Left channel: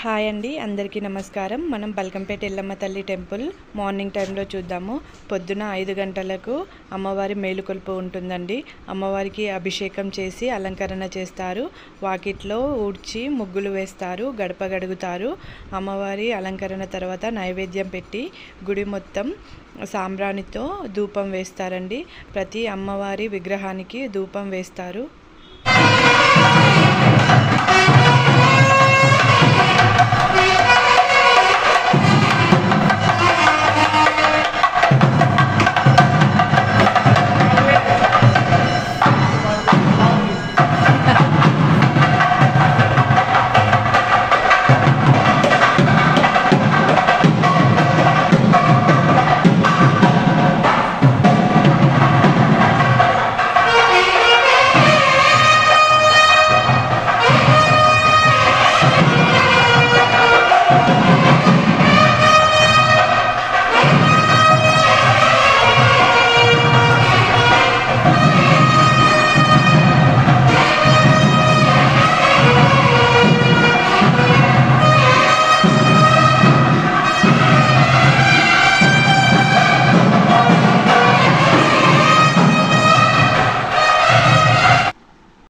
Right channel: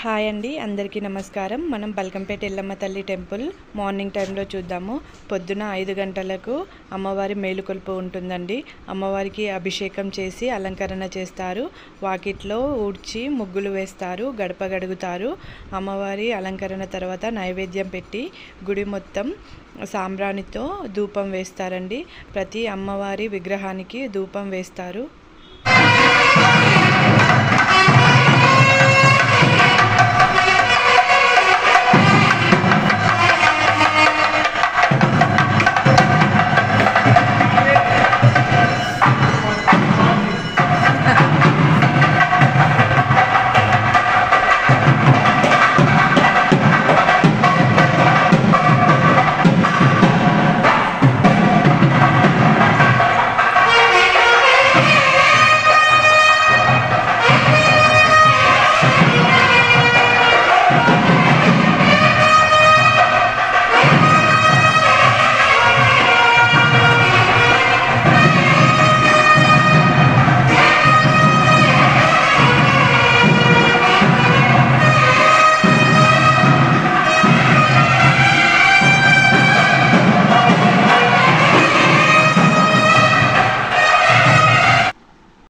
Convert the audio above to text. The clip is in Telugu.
హాయ్ అండి, అందరికీ నమస్కారం. మనం బల్కంపేట ఎల్లమ్మ తల్లి టెంపుల్ మార్నింగ్ టైంలో చూద్దాము. పొద్దున 5 గంటలకు అమ్మవారి మేలుకొలుపు ఉంటుందండి. అమ్మవారికి అభిషేకం చేసి అలంకరణ చేస్తారు. వాకిట్లో ఊడ్చి ముగ్గులు వేస్తారు, గడప గడుగుతారు. అమ్మవారి అలంకరణ తర్వాత నైవేద్యం పెట్టి గుడి మొత్తం సాంబ్రాణితో ధూపం వేస్తారండి. ప్రతి అమ్మవారి విగ్రహానికి ధూపం వేస్తారు.